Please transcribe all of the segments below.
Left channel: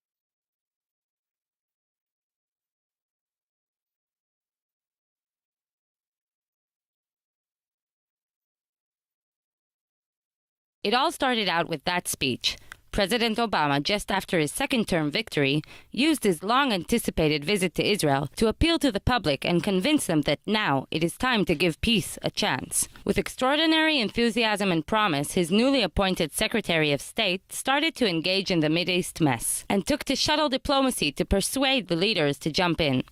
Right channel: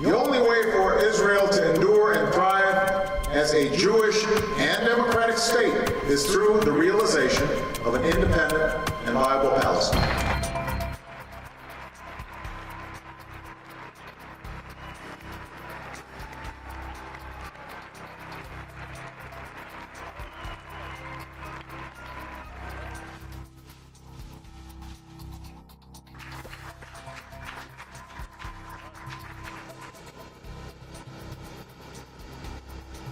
The only way for Israel to endure and thrive as a Jewish and democratic state is through the realization of an independent and viable Palestine. It all started out with that speech. President Obama, just after his second-term victory, used his long-anticipated visit to Israel to appeal to the public and convince them that now it is time to give peace a chance. With extraordinary enthusiasm and promise, his newly appointed Secretary of State started to engage in the Mideast mess and took to shuttle diplomacy to persuade the leaders to jump in.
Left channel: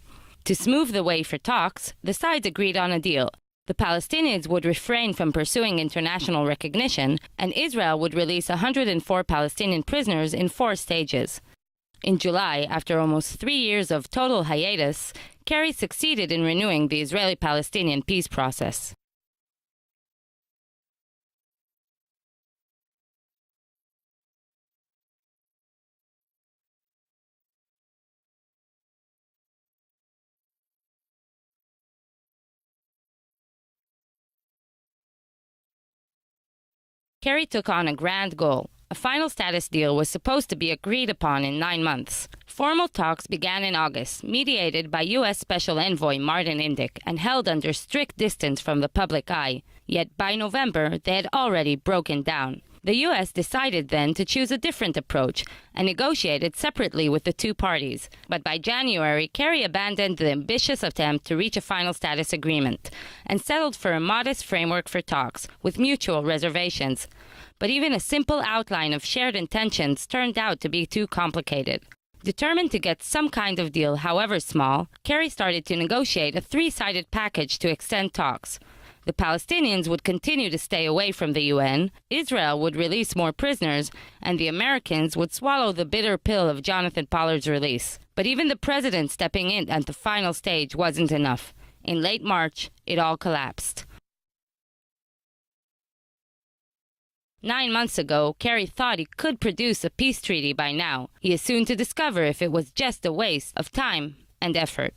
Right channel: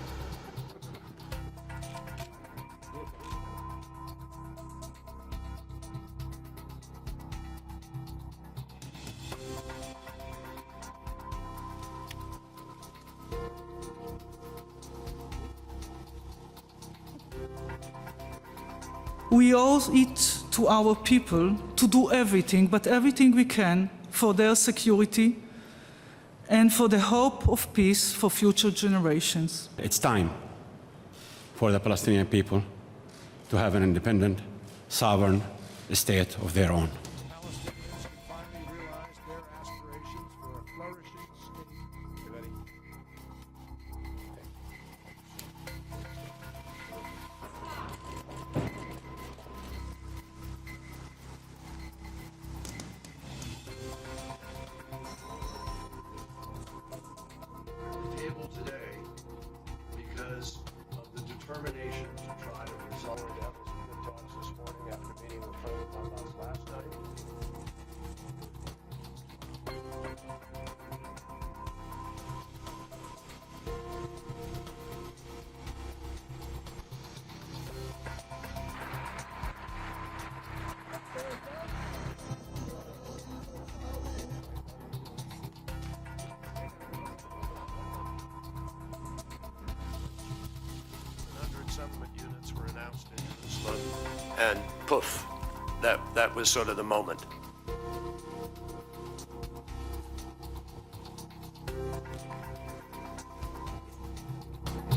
To smooth the way for talks, the sides agreed on a deal. The Palestinians would refrain from pursuing international recognition, and Israel would release 104 Palestinian prisoners in 4 stages. In July, after almost 3 years of total hiatus, Kerry succeeded in renewing the Israeli-Palestinian peace process. We owe it to our people to do everything, but everything we can for their security and for the hope of peace for future generations. It's time for the Palestinian people to have an independent, sovereign state of their own. Kerry took on a grand goal. A final status deal was supposed to be agreed upon in 9 months. Formal talks began in August, mediated by U.S. Special Envoy Martin Indyk and held under strict distance from the public eye. Yet by November, they had already broken down. The U.S. decided then to choose a different approach and negotiated separately with the 2 parties. But by January, Kerry abandoned the ambitious attempt to reach a final status agreement and settled for a modest framework for talks with mutual reservations. But even a simple outline of shared intentions turned out to be too complicated. Determined to get some kind of deal, however small, Kerry started to negotiate a 3-sided package to extend talks. The Palestinians would continue to stay away from the UN, Israel would release more prisoners, and the Americans would swallow the bitter pill of Jonathan Pollard's release. But even the president stepping in at the final stage wasn't enough. In late March, it all collapsed. And poof, that was sort of the moment. 9 months ago, Kerry thought he could produce a peace treaty by now. He is soon to discover if it was just a waste of time and effort.